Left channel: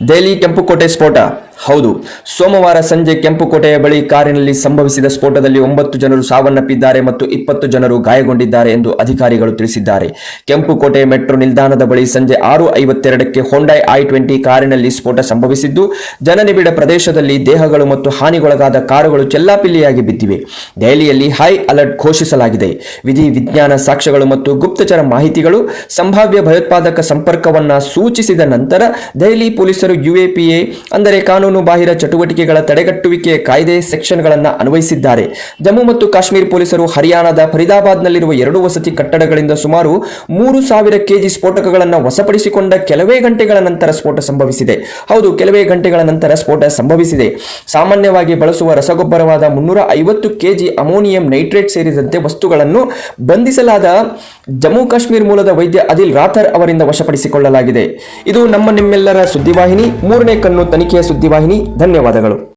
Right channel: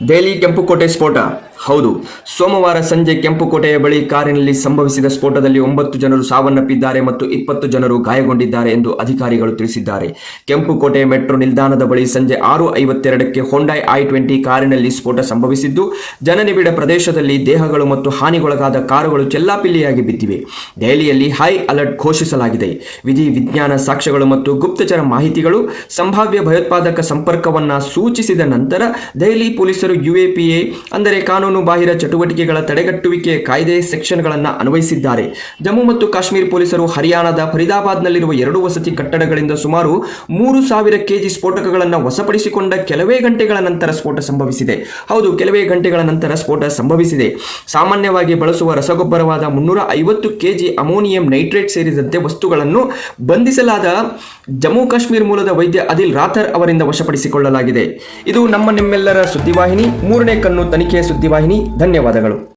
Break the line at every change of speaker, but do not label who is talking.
ದೆಹಲಿ ಕೆಂಪುಕೋಟೆ ಸ್ಫೋಟ ಹೌದು, ಸೋಮವಾರ ಸಂಜೆ ಕೆಂಪುಕೋಟೆಯ ಬಳಿ ಕಾರಿನಲ್ಲಿ ಸಂಭವಿಸಿದ ಸ್ಫೋಟದಲ್ಲಿ ಒಂಬತ್ತು ಜನರು ಸಾವನ್ನಪ್ಪಿದ್ದಾರೆ ಮತ್ತು ಇಪ್ಪತ್ತು ಜನರು ಗಾಯಗೊಂಡಿದ್ದಾರೆ ಎಂದು ಅಧಿಕಾರಿಗಳು ತಿಳಿಸಿದ್ದಾರೆ. ಕೆಂಪುಕೋಟೆ ಮೆಟ್ರೋ ನಿಲ್ದಾಣದ ಬಳಿ ಸಂಜೆ ಆರು ಐವತ್ತೆರಡಕ್ಕೆ ಹೊಂಡೈ ಐ ಟ್ವೆಂಟಿ ಕಾರಿನಲ್ಲಿ ಸ್ಫೋಟ ಸಂಭವಿಸಿದ್ದು, ಜನನಿಬಿಡ ಪ್ರದೇಶದಲ್ಲಿ ದೇಹಗಳು ಮತ್ತು ಹಾನಿಗೊಳಗಾದ ಕಾರುಗಳು ಚೆಲ್ಲಾಪಿಲ್ಲಿಯಾಗಿ ಬಿದ್ದಿವೆ. ದೆಹಲಿಯಲ್ಲಿ ಹೈ ಅಲರ್ಟ್ ಘೋಷಿಸಲಾಗಿದೆ. ವಿಧಿ ವಿಜ್ಞಾನ ಸಾಕ್ಷ್ಯಗಳು ಮತ್ತು ಗುಪ್ತಚರ ಮಾಹಿತಿಗಳು, ಸಂಭಾವ್ಯ ಭಯೋತ್ಪಾದಕ ಸಂಪರ್ಕವನ್ನ ಸೂಚಿಸಿದ ನಂತರ ದೆಹಲಿ ಪೊಲೀಸರು ಯುಎಪಿಎ, ಅಂದರೆ ಕಾನೂನು ಬಾಹಿರ ಚಟುವಟಿಕೆಗಳ ತಡೆಗಟ್ಟುವಿಕೆ ಕಾಯ್ದೆ ಸೆಕ್ಷನ್ಗಳನ್ನು ಅನ್ವಯಿಸಿದ್ದಾರೆ. ಜಮ್ಮು ಮತ್ತು ಕಾಶ್ಮೀರ ಪೊಲೀಸರು ಹರಿಯಾಣದ ಫರೀದಾಬಾದ್ನಲ್ಲಿರುವ ಎರಡು ವಸತಿ ಕಟ್ಟಡಗಳಿಂದ ಸುಮಾರು ಮೂರು ಸಾವಿರ ಕೆಜಿ ಸ್ಫೋಟಕಗಳನ್ನು ವಶಪಡಿಸಿಕೊಂಡ ಕೆಲವೇ ಗಂಟೆಗಳ ನಂತರ ಸ್ಫೋಟ ಸಂಭವಿಸಿದೆ. ಹೌದು, ಕೆಲವೇ ಗಂಟೆಗಳ ನಂತರ ಸ್ಫೋಟ ಸಂಭವಿಸಿದೆ. ಸಾಮಾನ್ಯವಾಗಿ ಬಳಸುವ ರಸಗೊಬ್ಬರವಾದ ಮುನ್ನೂರ ಐವತ್ತು ಕೆಜಿ ಅಮೋನಿಯಂ ನೈಟ್ರೇಟ್ ಸೇರಿದಂತೆ ವಸ್ತುಗಳನ್ನು ಬಂಧಿಸಲಾದ ಜಮ್ಮು ಕಾಶ್ಮೀರ ಮೂಲದ ವೈದ್ಯ ಅದಿಲ್ ರಾಥರ್ ಅವರಿಂದ ವಶಪಡಿಸಿಕೊಳ್ಳಲಾಗಿದೆ. ಇದು ನಮ್ಮ ನಿಮ್ಮೆಲ್ಲರ ಸುದ್ದಿವಾಹಿನಿ. ಮೂರನೇ ಕಣ್ಣು ತನಿಖೆಯ ಸುದ್ದಿವಾಹಿನಿ. ಧನ್ಯವಾದಗಳು.